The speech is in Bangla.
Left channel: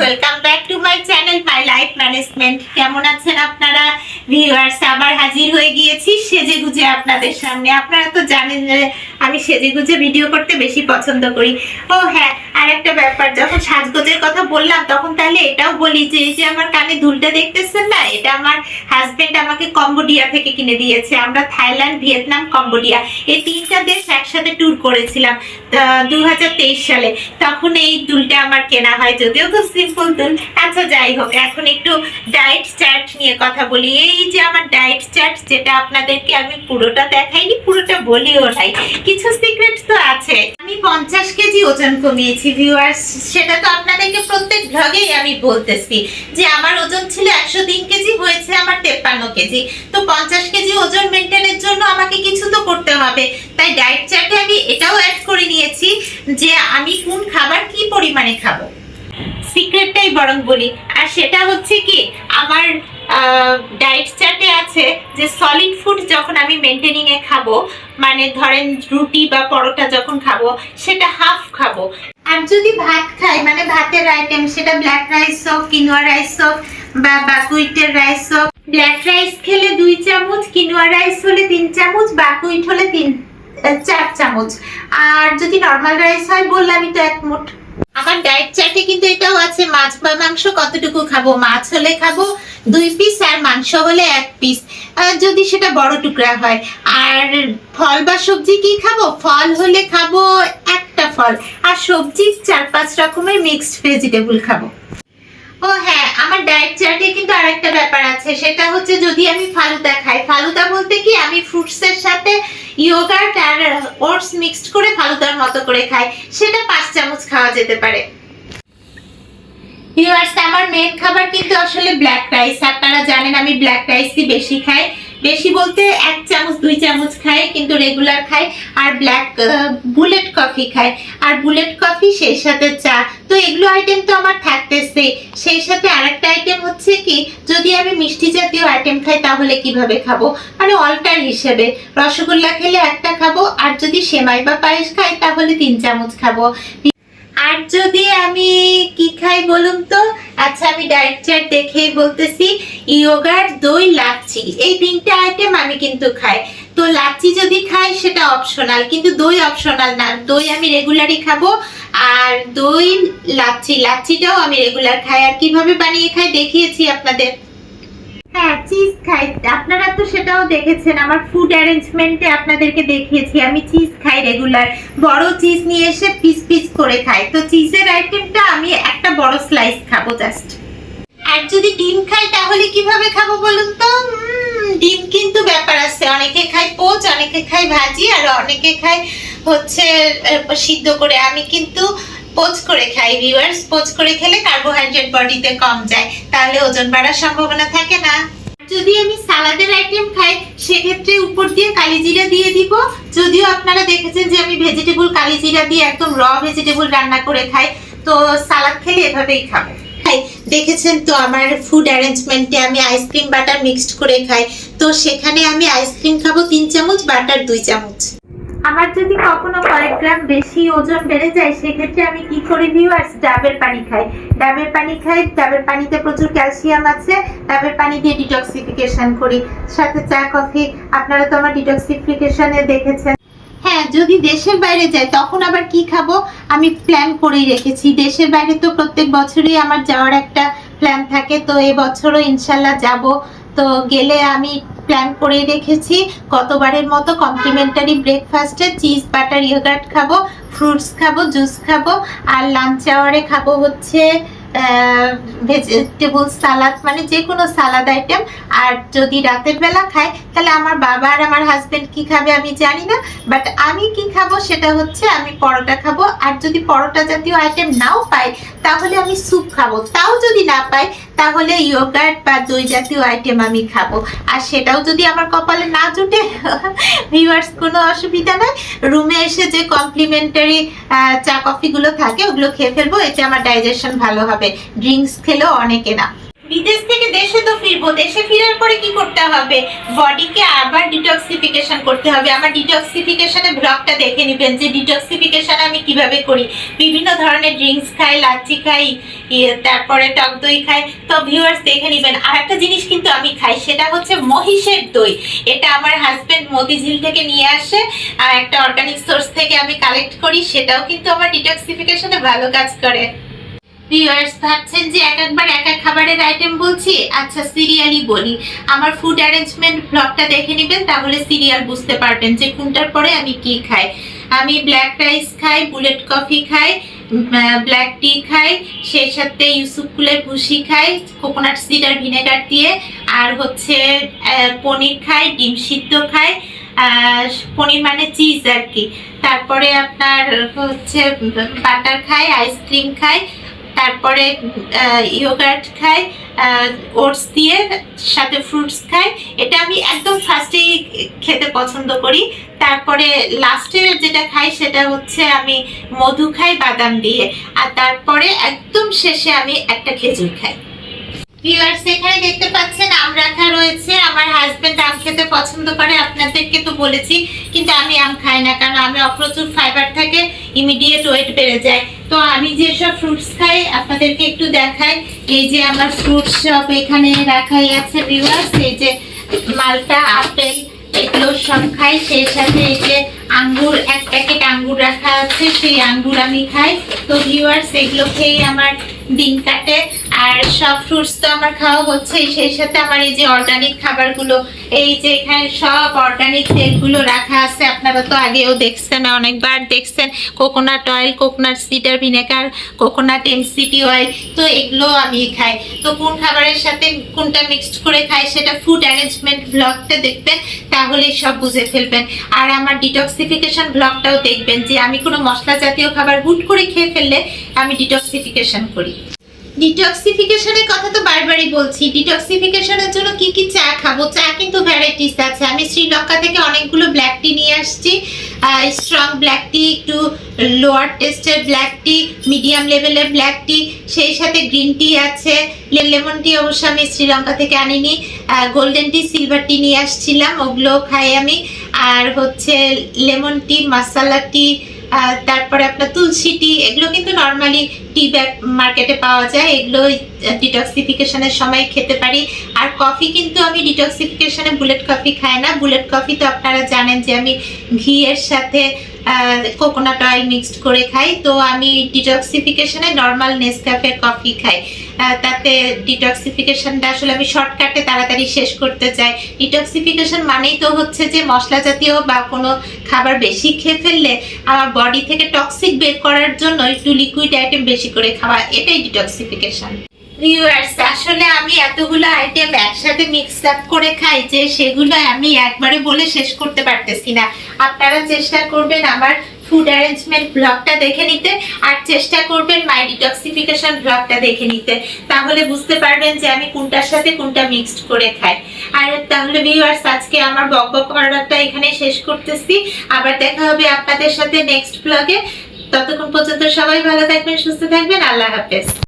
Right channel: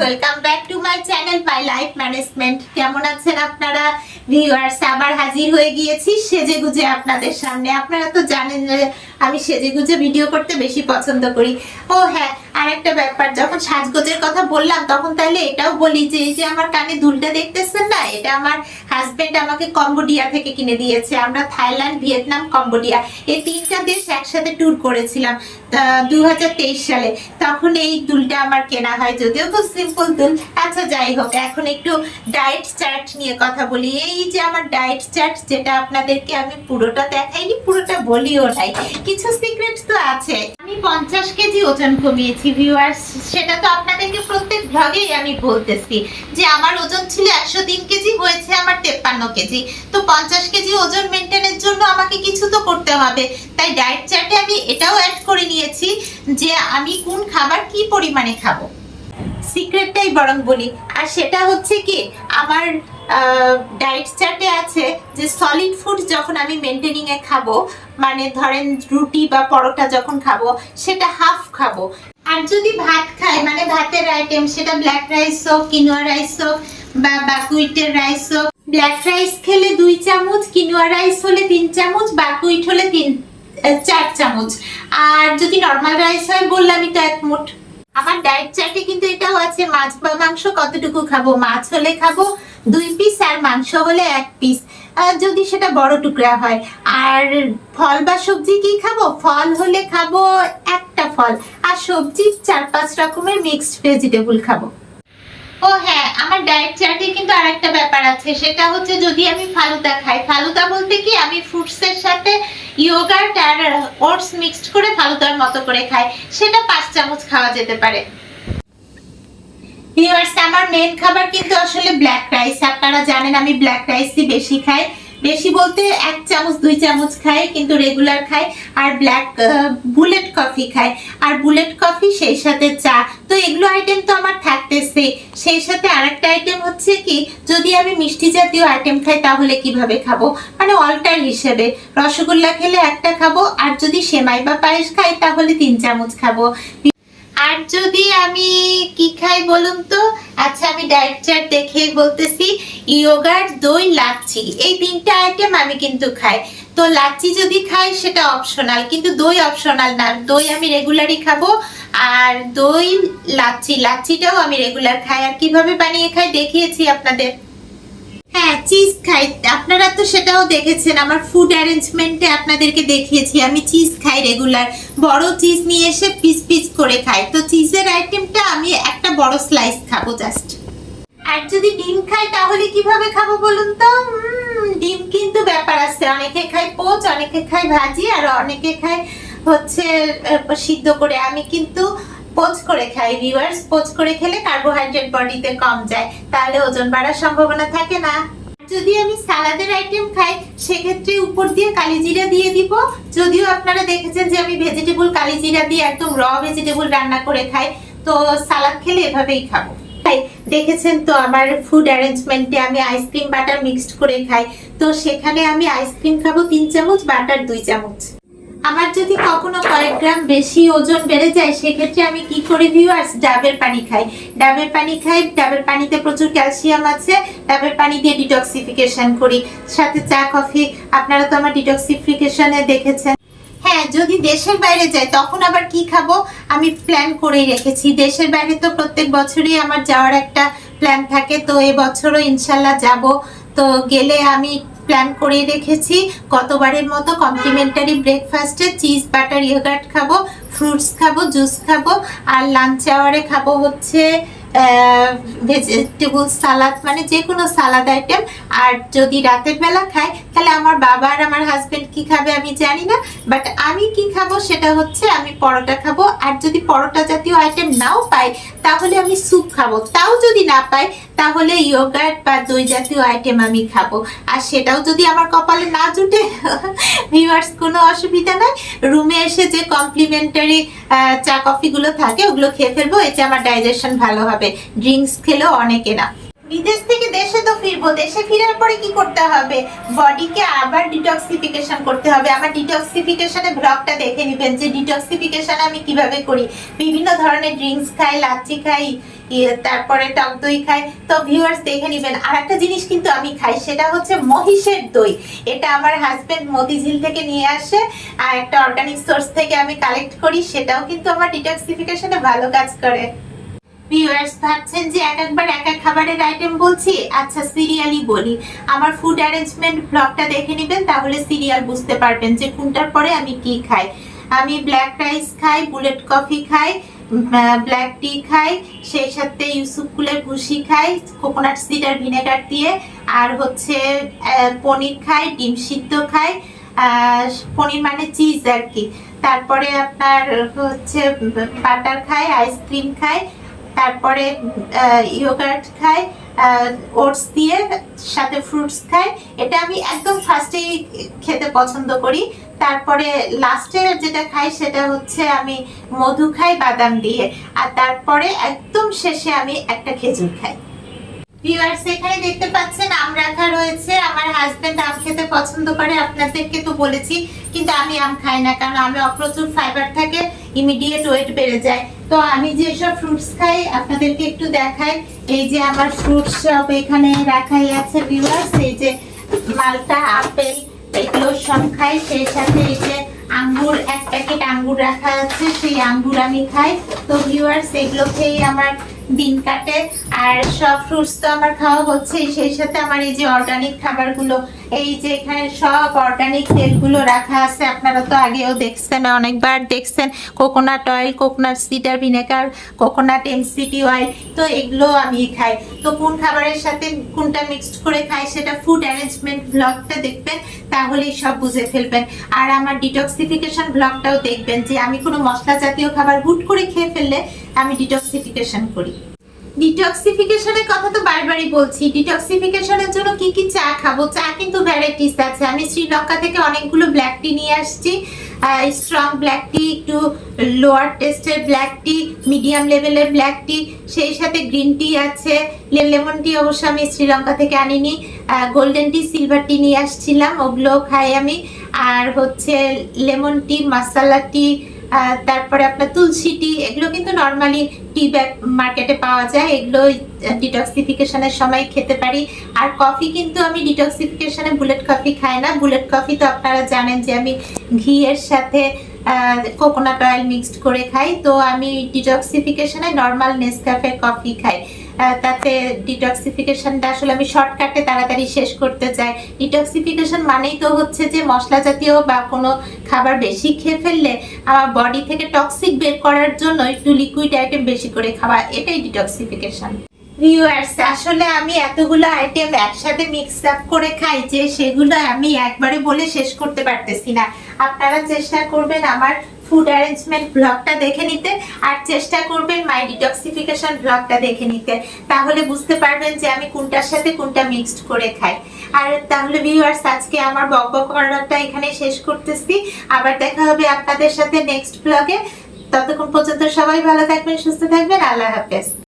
Welcome back to my channel my life management. কেমন আছেন আপনারা ভিউয়ার্স? আবার হাজির হয়ে গিয়েছি সেজে গুজে আপনাদের সামনে। আপনারা তো জানেন যে আমি সেজে গুজে ভিডিও করতে বেশি পছন্দ করি। ও হ্যাঁ, আর একটা ব্যাপার, যখন সাজগোজের কথা বললাম তখন তাহলে এটাও বলি যে এই যে আমার কানে দুলটা দেখতেছেন না, এটা আমার হাজবেন্ড আমাকে কম্বোডিয়া থেকে কিনে দিয়েছে। আমরা থাইল্যান্ড, ভিয়েতনাম, কম্বোডিয়া এই তিনটা দেশ একসাথে ট্যুর করেছিলাম 2023 সালে। তখন এই দুলটা আমার কেনা হয়, যদিও খুব সিম্পল দুল। আচ্ছা যাই হোক, এখন একটু ডায়েট চার্ট নিয়ে কথা বলি। এই যে আমার ডায়েট চার্ট, যেটা আপনাদেরকে আমি পুরোটা দেখাইনি, পুরোটা বলিও নাই, কিছু সিক্রেট তো আছে। আমি 50 কেজি ওজন কমিয়েছি ভিউয়ার্স, সেটা তো আপনাদেরকে প্রত্যেক ভ্লগেই আমি বলতেছি যে আমার ওজন ছিল 103 কেজি, হয়েছে আমার 53 কেজি। তো 50 কেজি ওজন মেনটেনের জন্য আমাকে কিছু তো করতে হবে, তাই ডায়েট চার্টে আমি এটাও অ্যাড করে নিয়েছি যে আমি কোন খাবার কি পরিমাণে খাবো। সিক্রেটটাই বরং বলি, আর সেটা হচ্ছে কি, আমার ডায়েট চার্টে আছে যে সলিড ফুড যখন আমি মেনটেনিং এ খাবো, মানে ধরেন রুটি বা পরোটা যখন খাবো সেটা হাফ খাবো। আর যদি ভাত খাই, মানে ভাতের আইটেম, সেটা ব্ল্যাক রাইস হোক, কিনোয়া রাইস হোক বা বাকুইটের রাইস হোক, ব্ল্যাক রাইস খেলে 2 চামচ, কিনোয়া রাইস হলে 3 চামচ, বাকুইট হলে 4 চামচ। আর যদি নর্মাল রাইস হয় বললামই তো 1 মুঠ। আমার ডায়েট চার্টে কিন্তু এটাও আছে মাছ বা মাংস কতটুকু খাবো। মাছ হলে খাবো 2 পিস, আর মাংস হলে 1 পিস, যদি সেটা বড় টুকরা হয়। আর ফল বা সবজি কি খাবো? ফল হলে খাবো 1টা ফল, আর সবজি 4-5 রকমের মিক্সড ভেজিটেবল খাবো। ও হ্যাঁ, আমার ডায়েট চার্টে কিন্তু আরেকটা ব্যাপার আছে, সেটা হচ্ছে যদি আমি ফালুদা খাই। ফালুদা বলতে কি, আমি ফ্রুটসের সাথে ইয়োগার্ট আর ওটস মিক্সড করে ফালুদার মতো করে খাই, সেটা 5 চামচ খাওয়া যেতে পারে। ভিউয়ার্স, আমার মেন খাবার কিন্তু আসলে ব্ল্যাক রাইস। আপনারা জানেন আমি ব্ল্যাক রাইসই বেশি খাই, বেশি বলতে 1 চামচ 2 চামচ খাই, কিন্তু রেগুলার খাই। আর ব্ল্যাক বুলেট কফি খাই, আর বুলেট কফি সেই সাথে চা। তো এগুলো আইটেম তো আমার থাকতেছে। সেই সাথে আরেকটা আইটেম হচ্ছে কি, যদি আমি মিষ্টি জাতীয় আইটেম খাই তাহলে কিভাবে খাবো, মানে অল্টার হিসেবে রসগোল্লা খেলে 1টা খাবো, আর যদি সেমাই বা পায়েস খাই তাহলে 3 চামচ খাবো। আর যদি আমি কি খাই বলুন তো? আচ্ছা, আমি ডায়েট চার্ট দেখে বলতেছি, ইয়োগার্ট, দই, লাচ্ছি, এই 3টা আইটেম আমি কিন্তু খাই। তো লাচ্ছি যদি খাই সেটা অপশনাল, কিন্তু দই অপশনাল না। দই আমি রেগুলারই খাবো, আর দই লাচ্ছিটাও আমি রেগুলার খাই। আর কিভাবে বানিয়ে খাই দেখিয়েছি আপনাদের। হ্যাঁ, চিজ খাই, আপনারা তো সেটাও দেখেছেন আমার ফুড অ্যারেঞ্জমেন্টে, আপনাদেরকে দেখিয়েছি আমি চিজ খাই রেগুলার। বড় চিজ নিয়ে এসে পিস পিস করে খাই। তো চিজের আইটেমটা আমি একটা বড় স্লাইস খাবো জাস্ট। আর যদি ডিম খাই তাহলে কিভাবে খাবো বলুন তো? ডিম কিন্তু ব্যাপার আছে, অনেকে খায় পোচ, অনেকে খায় ভাজি, আর অনেকে খায় হচ্ছে সিদ্ধ করে। আমি কিন্তু পোচ করে খাই ভিউয়ার্স। পোচ করে খেলে কার্বোহাইড্রেট বডিতে কম যায়, তাহলে ওজন বাড়ার সম্ভাবনা থাকে না। যদি আমি সালাদের আইটেম খাই সেক্ষেত্রে উপর দিয়ে কালিজিরা দিয়ে দিব। যদিও আপনারা দেখেছেন যে আমি ভেজিটেবল কালিজিরা দিয়ে একদম র ভেজিটেবল রান্না করে খাই, তো সালাদ খেলে এভাবেই খাবো। দেখেছেন তো আমার ফুড অ্যারেঞ্জমেন্টে আমি আইসক্রিম বাটার মিক্সড করে খাই, তো সেখানে আমি আইসক্রিম খাবো 3 চামচ, বাটার 2 চামচ। আমার যদি কখনো কয়েক গ্রাম বেশি ওজন বেড়ে যায় সেক্ষেত্রে আমি কি করি ভিউয়ার্স? ডাবের পানি খাই। ডাবের পানিতে প্রচুর ক্যালসিয়াম আছে। ডাবের পানি দিয়ে ডিটক্সিফিকেশন করি, সাথে চা কফি। আপনারা তো আমার ডিটক্সিফিকেশনে দেখেছেন। হ্যাঁ, যদি দেশের বাইরে যাই তখন আবার কি খাবো আমি প্ল্যান করেই রেখেছি। দেশের বাইরে তো প্রত্যেক বছরই আমার যাওয়ার একটা প্ল্যান থাকে, তো এবছরও ইনশাল্লাহ যাব। তো গেলে আমি প্ল্যান করে রেখেছি গতবারের মতো কমপ্লিমেন্টারি ব্রেকফাস্টে চিজ বাটার ইয়োগার্ট খাবো, ফ্রুটস খাবো, জুস খাবো, আর লাঞ্চ আওয়ারে খাবো হচ্ছে ভেজিটেবল সালাদ, মানে যে কোনো সালাদ আইটেম। আর যদি রাতের বেলা খাই তাহলে আমার বাবা আর আমার হাজবেন্ড কি খাবে আমি জানি না, বাট আমি কি খাবো সেটা হচ্ছে আমি পরোটা খাবো। আর যদি পরোটা জাতীয় আইটেম নাও পাই তাহলে আমি স্যুপ খাবো, তাও যদি না পাই তাহলে ইয়োগার্ট বা দই জাতীয় আইটেম আমি খাবো। আর সেটাও যদি আমার কপালে না জুটে ভিউয়ার্স, কোনো অসুবিধা নয়, রুমে এসে যে কমপ্লিমেন্টারি চা কফিগুলো থাকে ওগুলো খেয়ে ফেলবো, এতে আমার ডাইজেশন ভালো হবে। ড্রিঙ্কস খেলেও অনেকে না। বিদেশ থেকে দেশে তো ফিরবো, দেশে ফেরার পরে কি করতে হবে? বডিকে আবার ডিটক্সিফিকেশন করতে হবে। আমার ডিটক্সিফিকেশনের ব্লগটা দেখে নেবেন যে ডিটক্সিফিকেশন আমি কিভাবে করি। বিভিন্ন ধরনের ড্রিঙ্কস খাই, লাচ্ছি খাই, তারপরে টক দই খাই। তো ভিউয়ার্স দেখে নেবেন। আর একটা জিনিস কিন্তু আমি খাই, সেটা হচ্ছে মহিষের দই। এটা আমার হাজবেন্ড মতিঝিল থেকে নিয়ে আসে, আর একটা অর্গানিক সোর্স থেকে আমি কালেক্ট করি। সেটাও কিন্তু আমার ডিটক্সিফিকেশনে ভালো কাজ করে। ভিউয়ার্স ভাবছেন যে একবার এক এক খাবারের আইটেম বলছি, আচ্ছা সিরিয়ালই বলি। আমার ফুড অ্যারেঞ্জমেন্ট ব্লগটা দেখে নেবেন, তাহলে সিরিয়াল বুঝতে পারবেন যে কোনটার পরে আমি কি খাই। আমি ব্ল্যাক রাইস খাই, বুলেট কফি খাই, ব্ল্যাক টি খাই, সেই সাথে ইউসুফ কুলের ভুসি খাই কোকোনাট সিডার ভিনেগার দিয়ে, আর হচ্ছে পনির খাই, ডিম সিদ্ধ খাই, পনির মানে চিজ আর কি। তারপরে আপনার হচ্ছে বাটার খাই, আইসক্রিম খাই, তারপরে ইয়োগার্ট খাই ওটস দিয়ে, সাথে ফ্রুটস খাই। এটা আমি একদম ফার্স্টেই খেতে পছন্দ করি। তারপরে লাস্টে যেটা খাই সেটা হচ্ছে আমি মধু খাই বাদাম দিয়ে, আর তারপরে একদম শেষে আমি একটা খেজুর খাই। ভিউয়ার্স এখানে দেখতে পাচ্ছেন আম রাখা রয়েছে। আমার হাজবেন্ড আম খেতে পছন্দ করে, আপনাদেরকে তো বলেছি, কিন্তু আমি আম খাই না, কারণ আমি প্রচুর ফাইবার থাকে, ইমিডিয়েট ওয়েট বেড়ে যায়। তো আমি যেসব ফ্রুটস খাই আপনাদেরকে একটু দেখাই। এই যে আমার ফ্রুটস সব এখানে রাখাই আছে ভিউয়ার্স। এই যে মালটা, আপেল, এগুলো সব খাই। সেই সাথে এই যে আঙ্গুর, এক প্যাকেট আঙ্গুর রাখা আছে, সেই আঙ্গুর আমি খাই। তো ভিউয়ার্স এগুলো খেয়ে আমার দিন কাটে। আর সব ফ্রুটস তো আমার খাওয়া হচ্ছে, সেই সাথে আমার এই যে অর্গানিক খাবারগুলো, এই যে এখানে সব অর্গানিক তেলগুলো রাখা আছে। আপনারা তো আগেও দেখছেন, অনেকবার দেখছেন, coconut oil, coconut cider vinegar, coconut MCT oil. তো এগুলো আমি খাই। তো কোন খাবারের সাথে কোনটা মিক্সড করে খাই সেটা ফুড অ্যারেঞ্জমেন্ট ব্লগটা দেখবেন, তাহলেই সব বুঝে ফেলবেন। আর আমার ডিটক্সিফিকেশন ব্লগটাও দেখবেন, যে আমি কোনো মশলা জাতীয় খাবার হুট করে খেয়ে ফেললে আমি ডিটক্সিফিকেশন করি। ডিটক্সিফিকেশনের কথা তো বারবারই বলছি। ডিটক্সিফিকেশনের জন্য কি কি চা খাবো? চা কিন্তু ভ্যারাইটিস আছে। আমি শ্রীলঙ্কা থেকে অনেকগুলো ব্ল্যাক টি নিয়ে আসছি, স্ট্রং ব্ল্যাক টি, একটু লোয়ার টেস্টের ব্ল্যাক টি, মিডিয়াম লেভেলের ব্ল্যাক টি, সেই সাথে গ্রিন টি আছে, লেমন টি অবশ্য আমি শ্রীলঙ্কা থেকে আনিনি, গোল্ডেন টি, সিলভার টি নিয়ে আসছিলাম, ওগুলো খাই আমি। আর হচ্ছে লেমন টি, মাসালা টি, তারপরে আপনার তুলসী টি, এগুলো কিন্তু নর্মালি টি ব্যাগ মার্কেটে পাওয়া যায়, এগুলো ডিটক্সিফিকেশনের সময় খেতে পারি। আর কফি কিন্তু আমি ডিটক্সিফিকেশনে বুলেট কফি খাই না। বুলেট কফি তো আপনারা জানেন যে আমি ঘিয়ের সাথে কোকোনাট অয়েল মিক্সড করে খাই। তো আমি ডিটক্সিফিকেশনে নর্মাল নেসক্যাফে কফি খাই। তাতে ডিটক্সিফিকেশনটা আসলে আমি শর্টকাটে তাড়াতাড়ি শেষ করতে চাই। ডিটক্সিফিকেশন মানেই তো হচ্ছে যে মশলা জাতীয় বা কোনো খাবার বেশি খেয়ে ফেললে আমার বডি থেকে টক্সিক বের করার জন্য একটু লিকুইড আইটেম বেশি করে খাওয়া, এটাই ডিটক্সিফিকেশন। ভিউয়ার্স আসলে আমি এতগুলো আইটেম একসাথে মিক্স আপ করে খাই যে সেগুলো আমি একবারে বলে শেষ করতে পারতেছি না। আপনারা চেষ্টা করবেন আমার ফুড অ্যারেঞ্জমেন্ট ব্লগটা দেখে নিতে, আর চেষ্টা করবেন মাই ডিটক্সিফিকেশন ব্লগটা দেখে নিতে, তাহলে বুঝতে পারবেন যে আমি কোনটার সাথে কোনটা মিক্সড করে খাই। আর তাহলে ভিউয়ার্স আজকে আমার বকবক করাটা এখানে শেষ করতেছি। আবার দেখা হবে আপনাদের সাথে নেক্সট ব্লগে। ততক্ষণ পর্যন্ত সবাই ভালো থাকবেন, সুস্থ থাকবেন। আল্লাহ হাফেজ।